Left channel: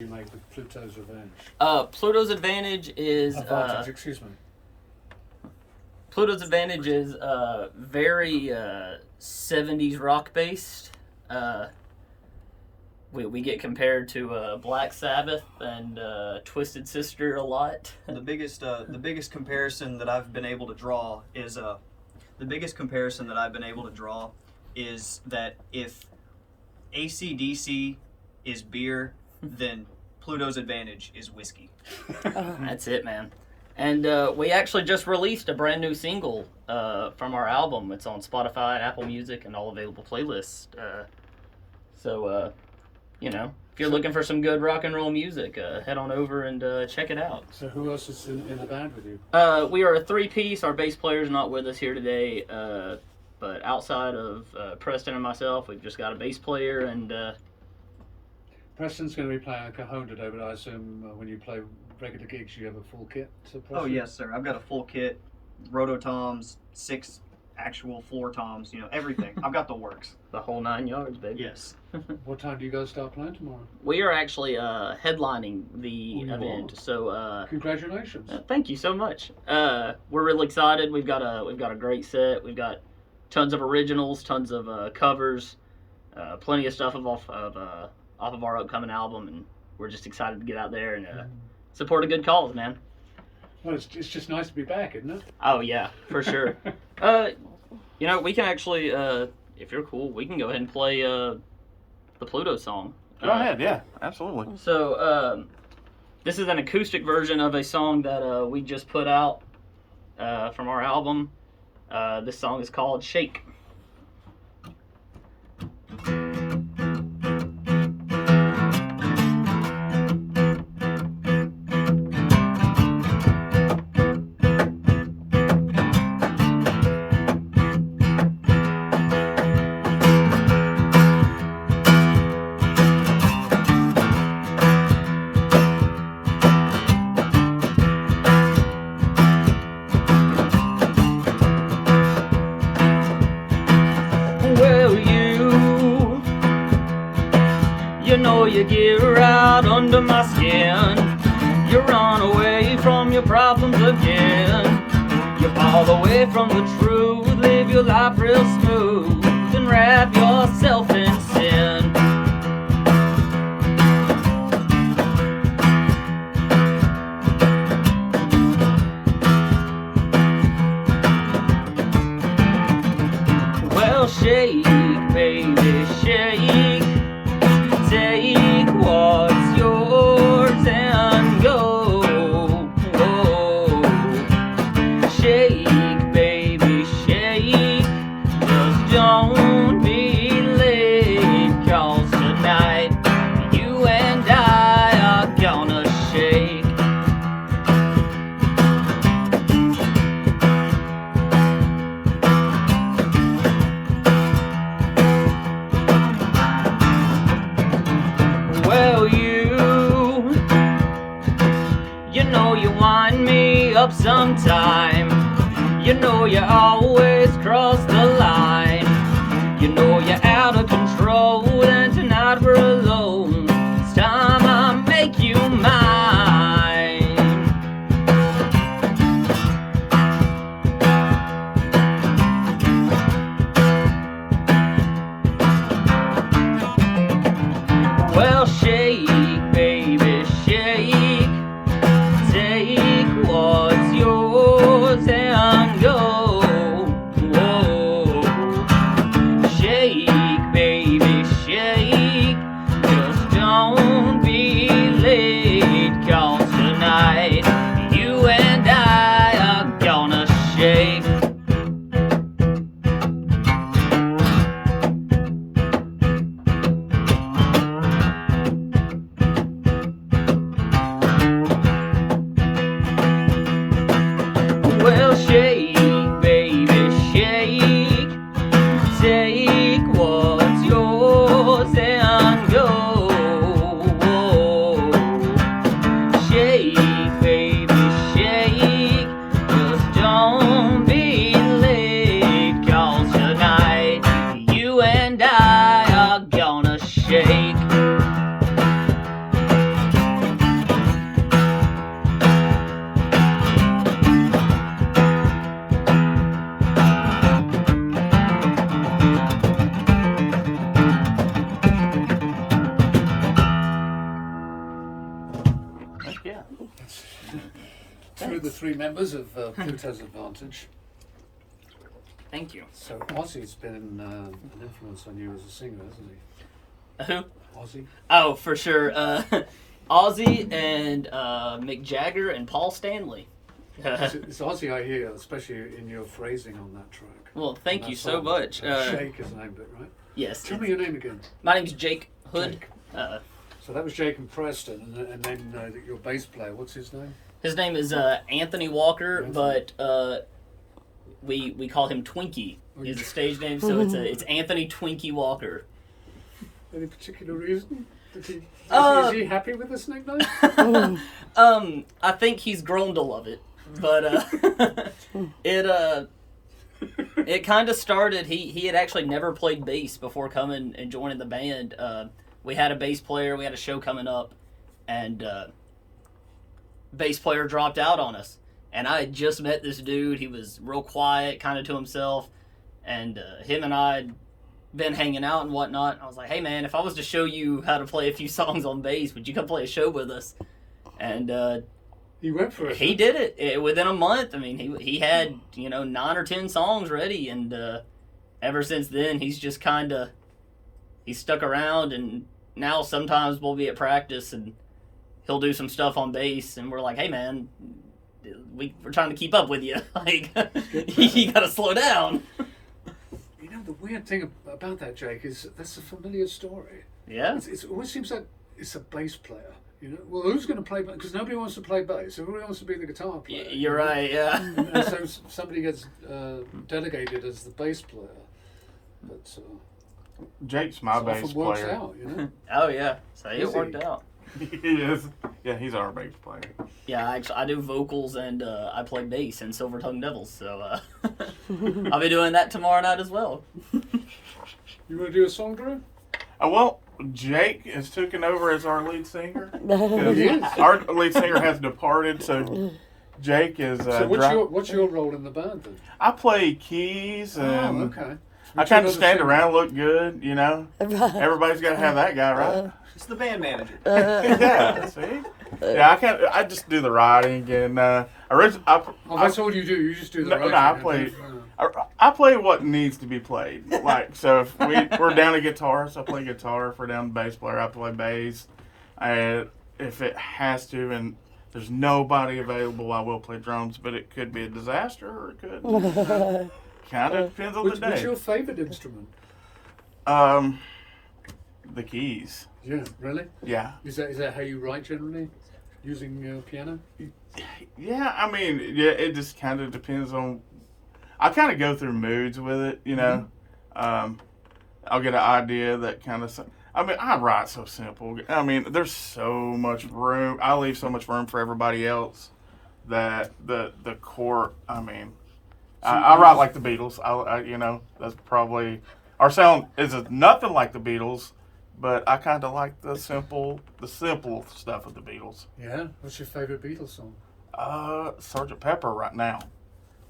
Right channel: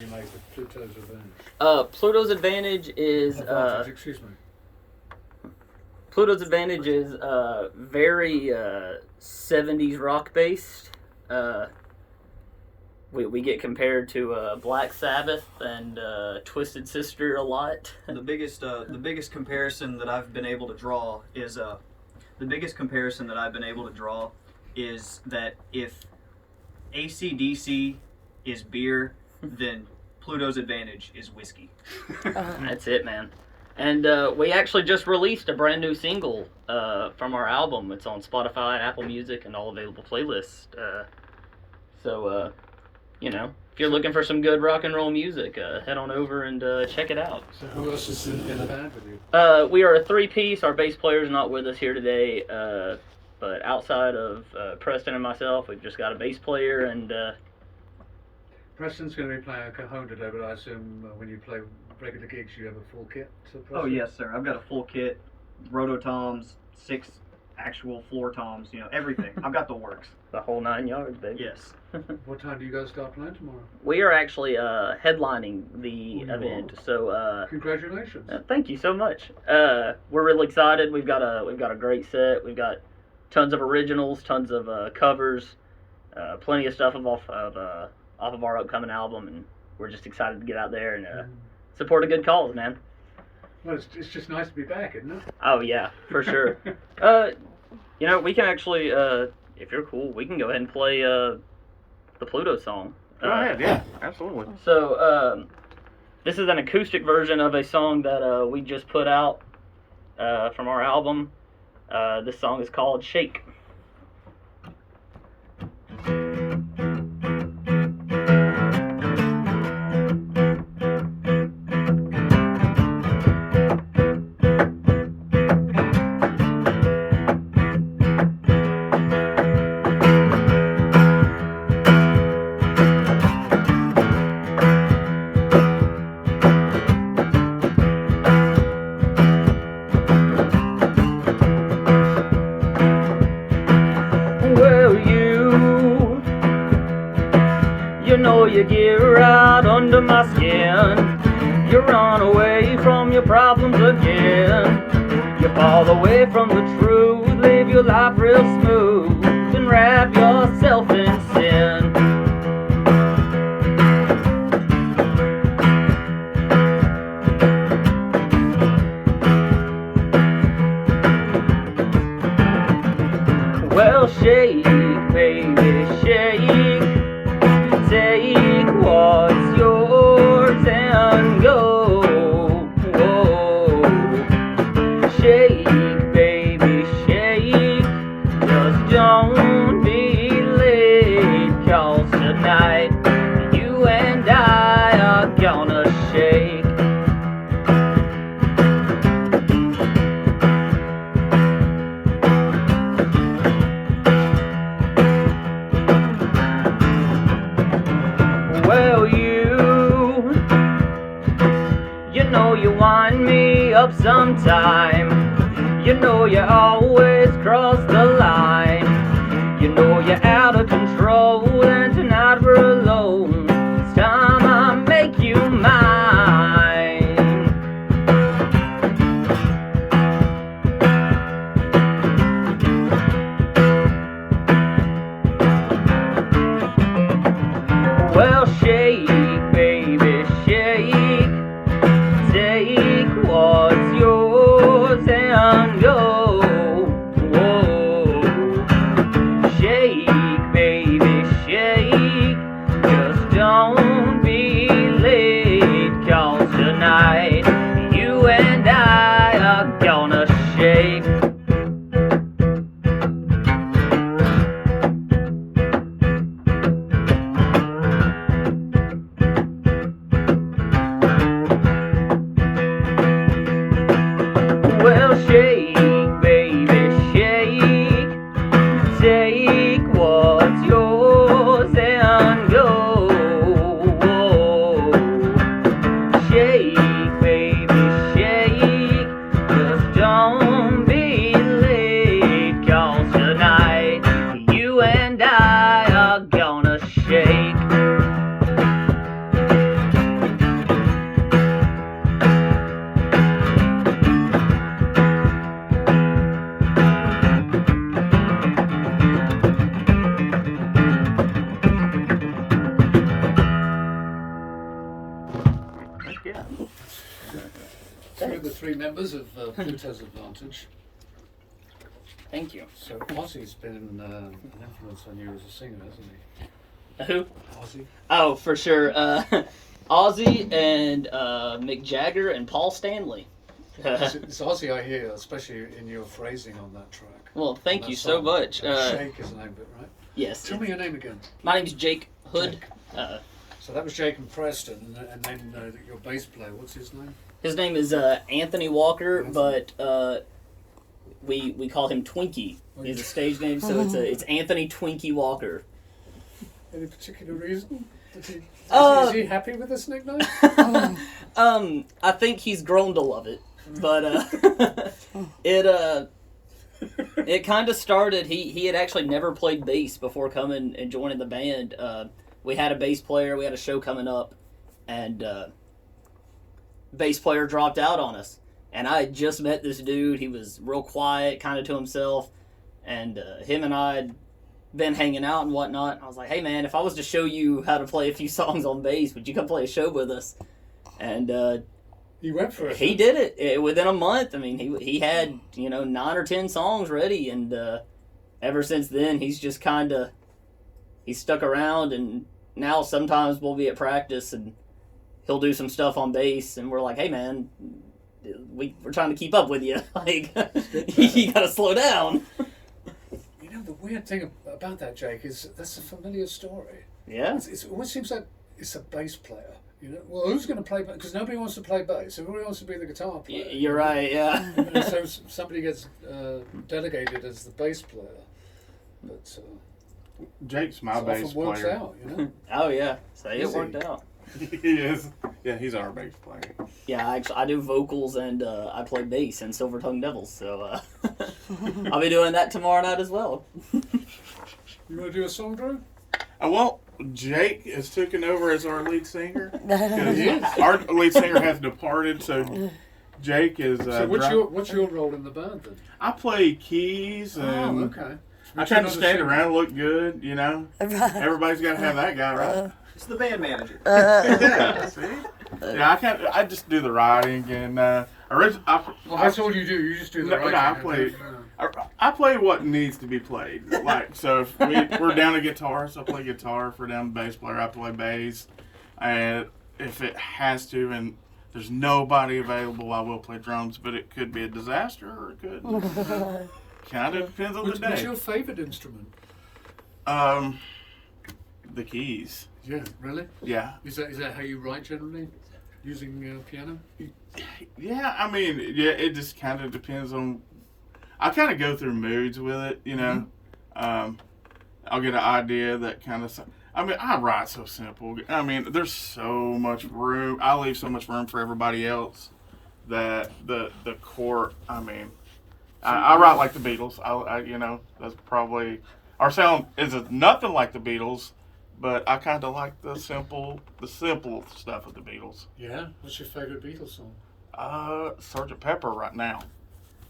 You make the Pluto's Revenge. Pluto's Advantage is Advantage, excuse me. Pluto's Advantage is very 70s rock based. We get compared to Black Sabbath and Twisted Sister a lot. The biggest comparison that I've been able to draw is that if AC/DC is beer, then Pluto's Advantage is whiskey. That's it, man. And we actually just released a brand new single from our album. It's on Spotify, Apple Music, and all available playlists. So, if you're looking for some good rock and roll music, head on over and check it out. So who else is in the band with you? We are a three-piece. Our bass player's not with us here today, but outside of Preston and myself, we've just got a bass player and... Preston's going to be playing a cajon today, but I assume when you play regular gigs, you have a full kit. So Oh yes, sir. I've got a full kit, rototoms, 6 actual floor toms, everything. I've got the works. The whole 9 yards, baby. Yes. What time do you guys start playing tomorrow? We are actually headlining the event, so Congratulations. thank you so much. We're really excited. We've got a great set. We've got tons of originals, tons of covers, plenty of stuff off of our upcoming album, and we're just excited to get out there and support a good cause, man. Well, it's just nice to be back, isn't it? Oh yeah, for sure. We can actually, if you're cool, we can go ahead and play the Pluto song. Go ahead, yeah, absolutely. So, this is an acoustic version of a song that we just put out from our album. This song is called Shake. You get right under my skin. You run away from your problems again. You fall away from the truth. Live your life real smooth and wrap yourself in sin. Well, shake, baby, shake. Take what's yours and go. Whoa. Shake, baby, yeah. Two of the three members of Pluto's Advantage. Thank you. So Ozzy's been an influence on you as a singer, hasn't he? Who? Ozzy. Oh, for sure. Ozzy and Mick Jagger and Paul Stanley. It's Ozzy I hear, especially in your phrasing on that track. Well, thank That you so song. much. Shake is named it, right? Yes. Tell me your name again. My name's Jake Hood. Jake. So that was Jake and Preston, and then your bass player, what's his name? His name is Anthony Walker, Anthony. but we call him Twinkie. He's a stage name, so it's Anthony Twinkie Walker. Any particular reason? Is he happy with this nickname? I think he's grown to love it, but it kind of started. He had actually never played bass before coming and joining the band. We had a bass player. We had a show coming up, and bass player dropped out on us. And I had just met this dude. He was real quiet, kind of to himself, and him and I had been hanging out and whatnot. I was like, "Hey man, if I was to show you how to play a few songs on bass, would you come play a show with us?" And He went for it. he did it within a month. I mean, he had 9 or 10 songs ready, and ever since then he's just he's stuck around. And now sometimes we'll be at practice and he'll do some stuff on bass, and we're like, "Hey man, we're trying to keep up with you. Like, you gotta slow down." You know, the weird thing about that, Jake, is that's a familiar story. Yeah. It always seems like it's a bass player. You know, well, who's going to play bass? Because nobody wants to play bass. Everybody wants to be the guitar player. You're right. Yeah. And so somebody gets delegated as the bass player. But Jake's my it bass often works player. out, you know. Oh yeah. So it Is he? worked out. He is. Yeah, he's our bass player. Yeah, I do vocals and I play bass in Silver Tongue Devils, so I'll be doing that tomorrow night as well. You want to do a song, Drew? Well, Jake is taken over as our lead singer. He is. Our lead singer has departed, so Jake is. So what's your role in the band then? I play keys and Okay. I kind of stand around, look good, you know. Everybody's got to have that guy, right? It's the band manager. Yeah, see? Yeah, I just do the writing and Well, that's all you do. You just do the No, writing. I play- I play what needs to be played. Like, so if we're down a guitarist, I play guitar. If we're down a bass player, I play bass. And if it has to, and there's nobody available, I will play drums. But it could be a disaster, or it could kind of depends on the What's day. your favorite instrument? The keys. Yeah, really? Yeah, Is that how you write generally? Using piano? yeah. I mean, yeah. It just kind of depends on. I kind of go through moods with it, you know. I'll get an idea that kind of. I mean, I write so simple. I mean, there's so much room. I leave so much room for everybody else that the chord. I mean, I write like the Beatles. I you know, that's probably our sound is nothing like the Beatles, but I kind of like the simple stuff of the Beatles. Yeah. What's your favorite Beatles song? Sgt. Pepper right now.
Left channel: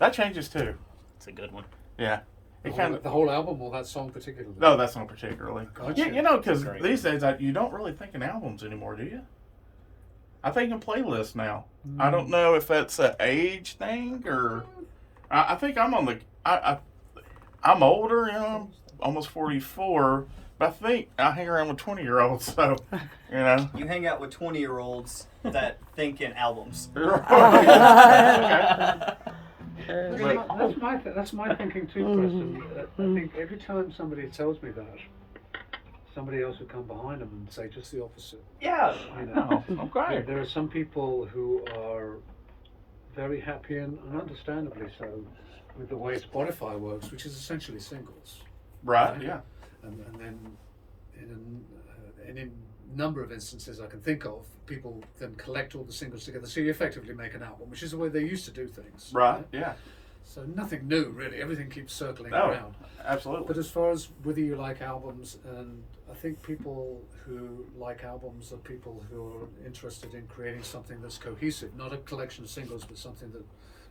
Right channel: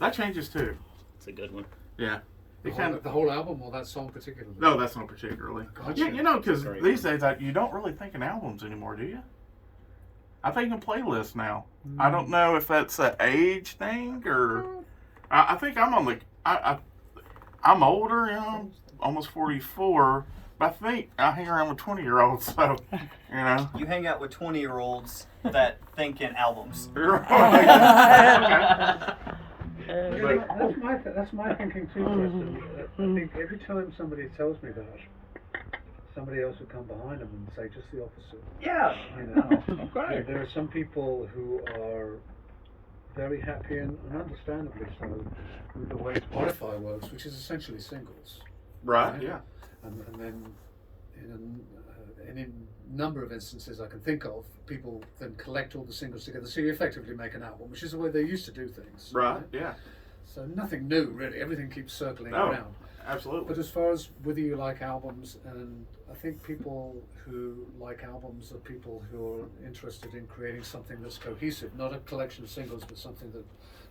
That changes too. It's a good one. Yeah. The It whole, kind of. the whole album or that song particularly? No, that's not particularly. Gotcha. Yeah, you know, because Great. these days you don't really think in albums anymore, do you? I think in playlists now. I don't know if that's an age thing or. I think I'm on the. I'm older, you know, I'm almost 44, but I think I hang around with 20-year-olds, so, you know. You hang out with 20-year-olds that think in albums. Okay. That's my thinking too, Preston. I think every time somebody tells me that, somebody else will come behind them and say just the opposite. Yeah. You know? Okay. There are some people who are very happy and understandably so with the way Spotify works, which is essentially singles. Right, yeah. And then in any number of instances I can think of, people then collect all the singles together. So you effectively make an album, which is the way they used to do things. Right, yeah. So nothing new really. Everything keeps circling Oh. around. Absolutely. But as far as whether you like albums, and I think people who like albums are people who are interested in creating something that's cohesive, not a collection of singles, but something that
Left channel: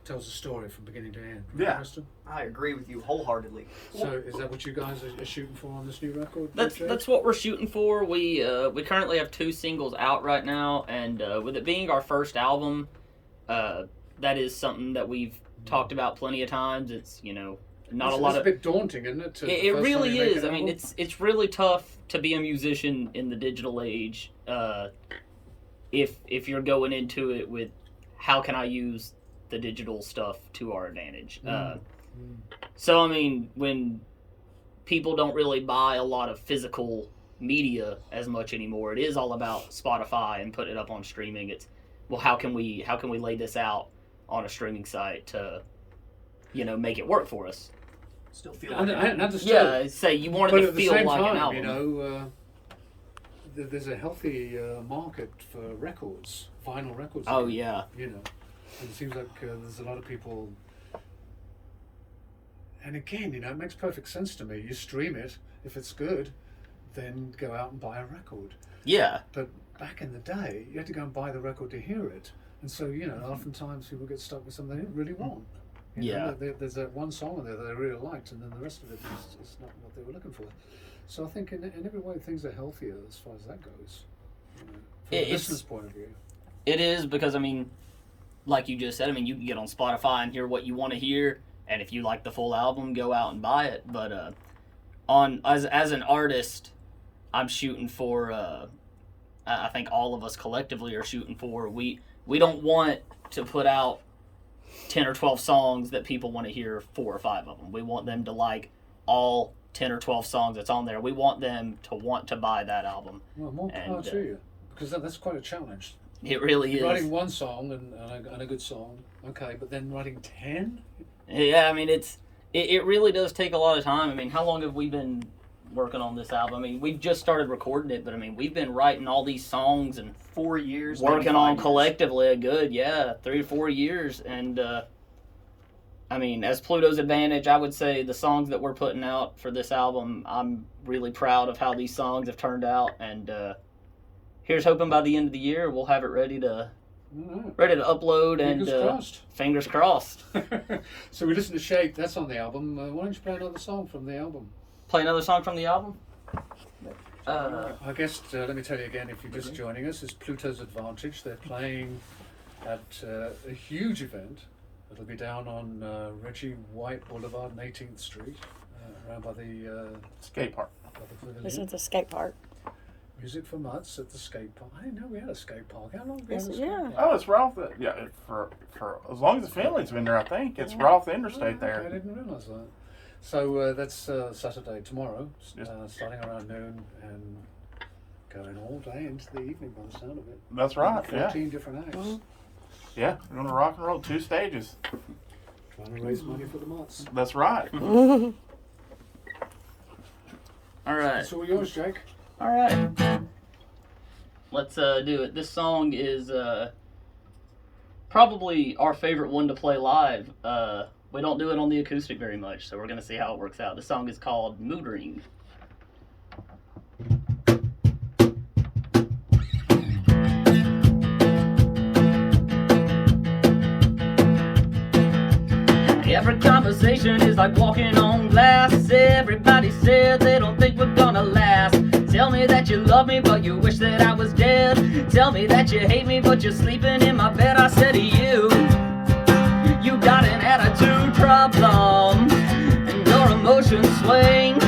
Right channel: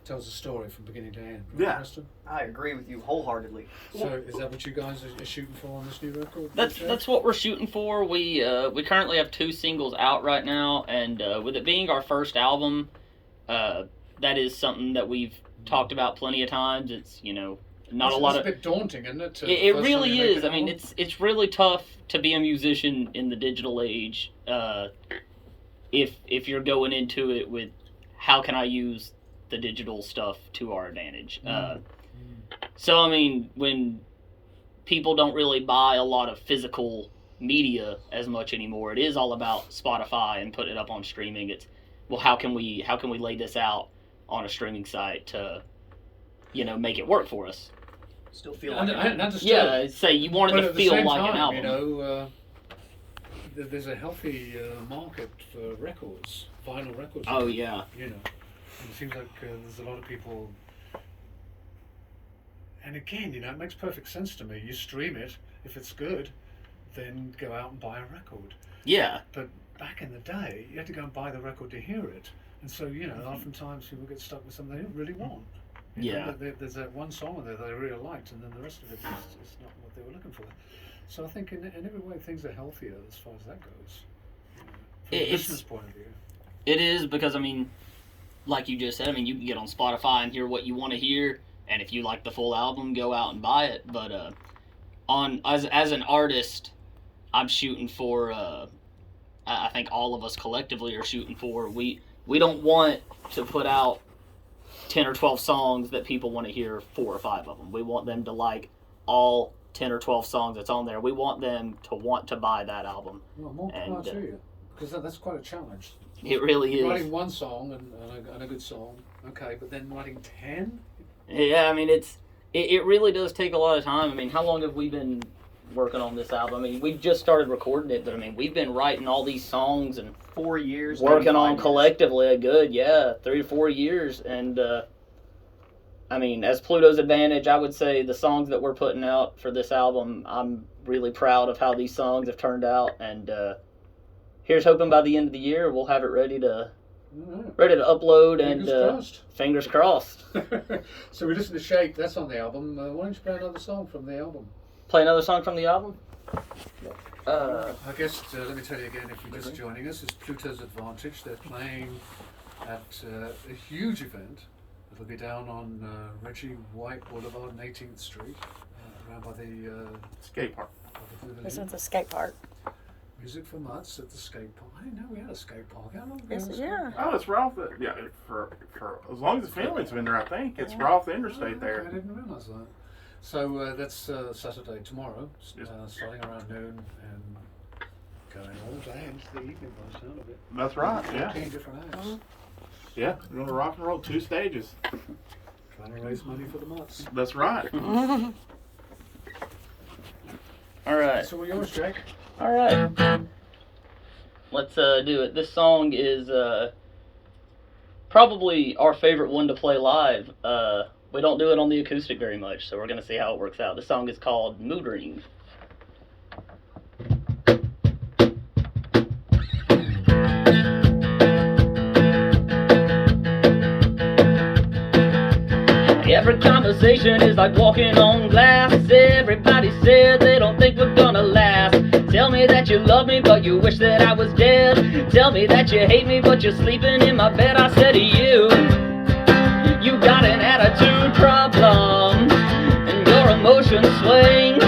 tells a story from beginning to end. Right, Yeah. Preston? I agree with you wholeheartedly. So is that what you guys are shooting for on this new record? That's DJ? that's what we're shooting for. We currently have 2 singles out right now, and with it being our first album, that is something that we've talked about plenty of times. It's not a lot It's of a bit daunting, isn't it? it really is. I mean, it's really tough to be a musician in the digital age. If you're going into it with how can I use the digital stuff to our advantage. So I mean, when people don't really buy a lot of physical media as much anymore, it is all about Spotify and putting it up on streaming. It's how can we lay this out on a streaming site to make it work for us. Still feel And, like and understood. Yeah, say you want But it to at the feel same like time, an album. you know, there's a healthy market for records, vinyl records. Oh yeah. You know, and it seems like there's a lot of people. And again, it makes perfect sense to me. You stream it, if it's good, then go out and buy a record. Yeah. But back in the day, you had to go and buy the record to hear it. And so, oftentimes people get stuck with something they don't really want. Yeah. There's that one song there that they really liked, and then the rest of it is not what they were looking for. So I think in every way things are healthier as far as that goes. From the It's- listener's point of view. It is because I mean, like you just said, I mean you can get on Spotify and hear what you want to hear, and if you like the full album, go out and buy it. But as an artist, I'm shooting for. I think all of us collectively are shooting for. We don't want to put out 10 or 12 songs that people want to hear 4 or 5 of them. We want them to like all 10 or 12 songs that's on there. We want them to want to buy that album. Well, more power And, to you, because that's quite a challenge. It really is. Writing one song and a good song, okay, but then writing 10? Yeah, I mean it really does take a lot of time. I mean, how long have we been working on this album? I mean, we just started recording it, but I mean, we've been writing all these songs and 4 years. working maybe on 5 years. collectively a good 3 or 4 years. And I mean, as Pluto's Advantage, I would say the songs that we're putting out for this album, I'm really proud of how these songs have turned out. And here's hoping by the end of the year we'll have it ready to upload. Fingers And crossed. fingers crossed. So we listened to Shake, that's on the album. Why don't you play another song from the album? Play another song from the album. I guess, let me tell you again, if you're just joining us, it's Pluto's Advantage. They're playing at a huge event. It'll be down on Reggie White Boulevard and 18th Street, around by the Skate park. This pavilion. is a skate park. Music for Mutts at the skate park. I didn't know we had a skate park. How long have we Yes, had a skate yeah. park? Oh, it's right off the for as long as the family's been there. I think it's right off the interstate Okay, I there. didn't realise that. So that's Saturday, tomorrow, Yes. starting around noon and going all day into the evening by the sound of it. That's right. Yeah, 14 different acts. yeah. We're gonna rock and roll 2 stages. Trying to raise money for the Mutts. That's right. All right. So yours, Jake. All right. Let's do it. This song is probably our favorite one to play live. We don't do it on the acoustic very much, so we're going to see how it works out. The song is called Mood Ring. Every conversation is like walking on glass. Everybody said they don't think we're gonna last. Tell me that you love me, but you wish that I was dead. Tell me that you hate me, but you're sleeping in my bed. I said to you, you got an attitude problem, and your emotions swing,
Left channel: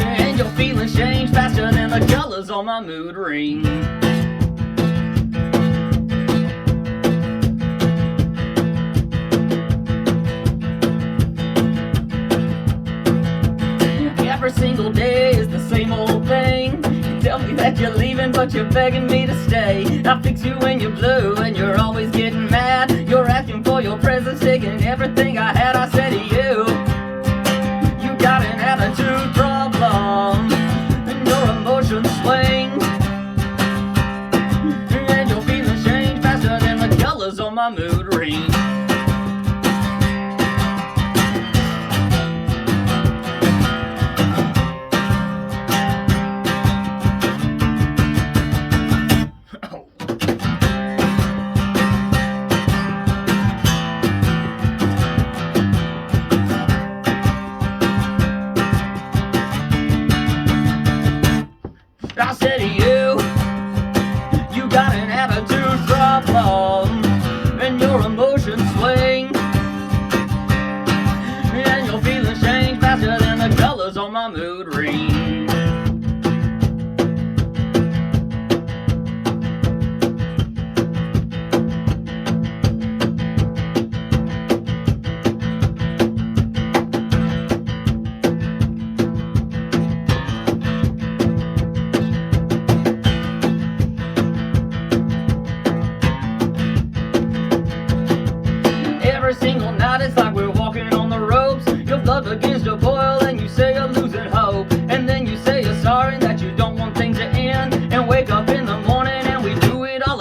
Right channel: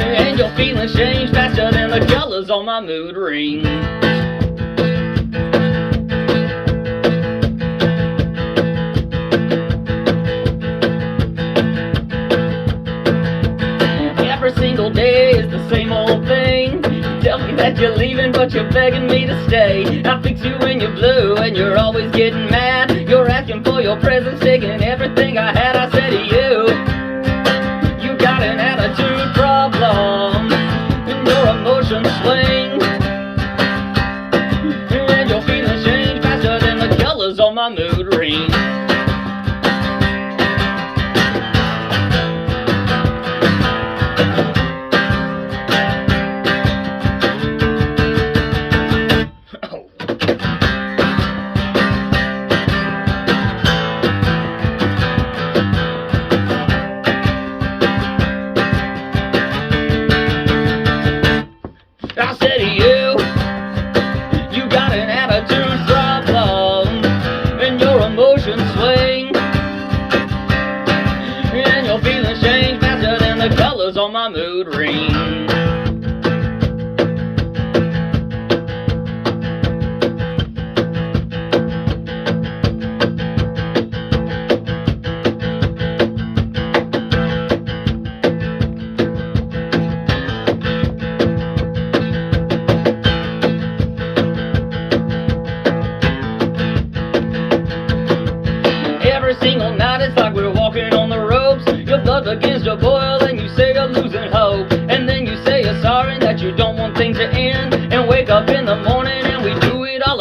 and your feelings change faster than the colors on my mood ring. Every single day is the same old thing. You tell me that you're leaving, but you're begging me to stay. I fix you when you're blue, and you're always getting mad. You're asking for your presents, taking everything I had. I said to you, you got an attitude problem, and your emotions swing, and your feelings change faster than the colors on my mood ring.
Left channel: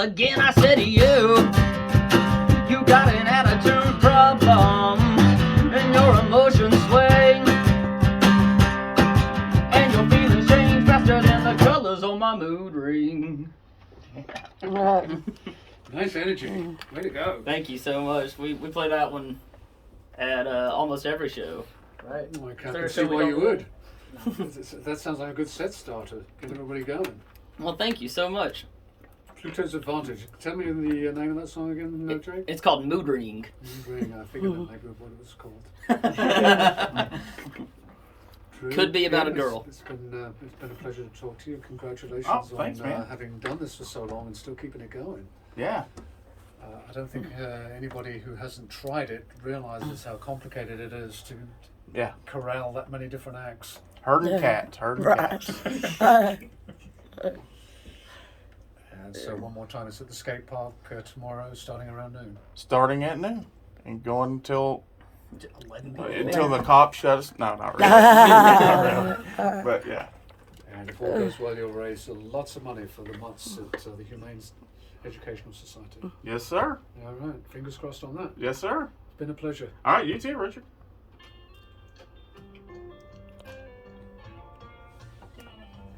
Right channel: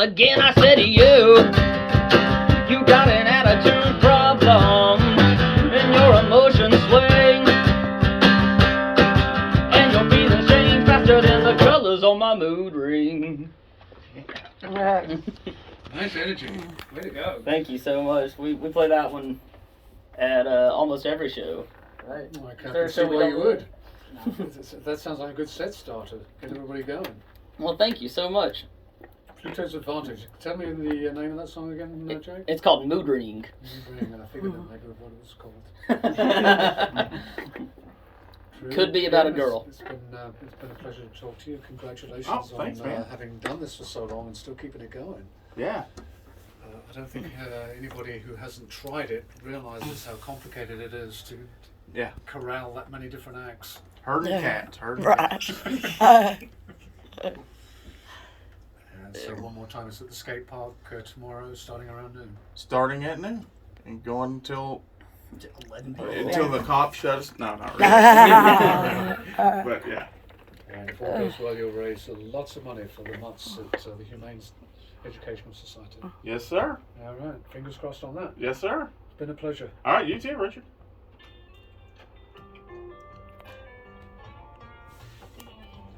again I say to you, you got an attitude problem, and your emotions swing, and your feelings change faster than the colors on my mood ring. Nice energy. Way to go. Thank you so much. We play that one at almost every show, right? Oh, I Is can't there a see show we why don't you do would. it? That sounds like a good set starter. Get everybody going. Well, thank you so much. Pluto's Advantage. Tell me the name of that song again, no, Jake? It's called Mood Ring. I figured that maybe what it was called. True. Could be about a It's- girl. It's been a pleasure to talk to you. Congratulations Oh, thanks, on man. having done this for so long and still keeping it going. Yeah. I don't think anybody who hasn't tried it realizes how complicated it is to Yeah. corral that many different acts. Herding cats. Herding Right. cats. And so one more time, it's at the skate park tomorrow, starting around noon. Starting at noon and going until 11 until the cops shut us. No, not really. But yeah. And if all goes well, you'll raise lots of money for the mutts at the Humane Educational Society. Yes, sir. All right, fingers crossed on that. Yes, sir. It's been a pleasure. All right, you too, Richard.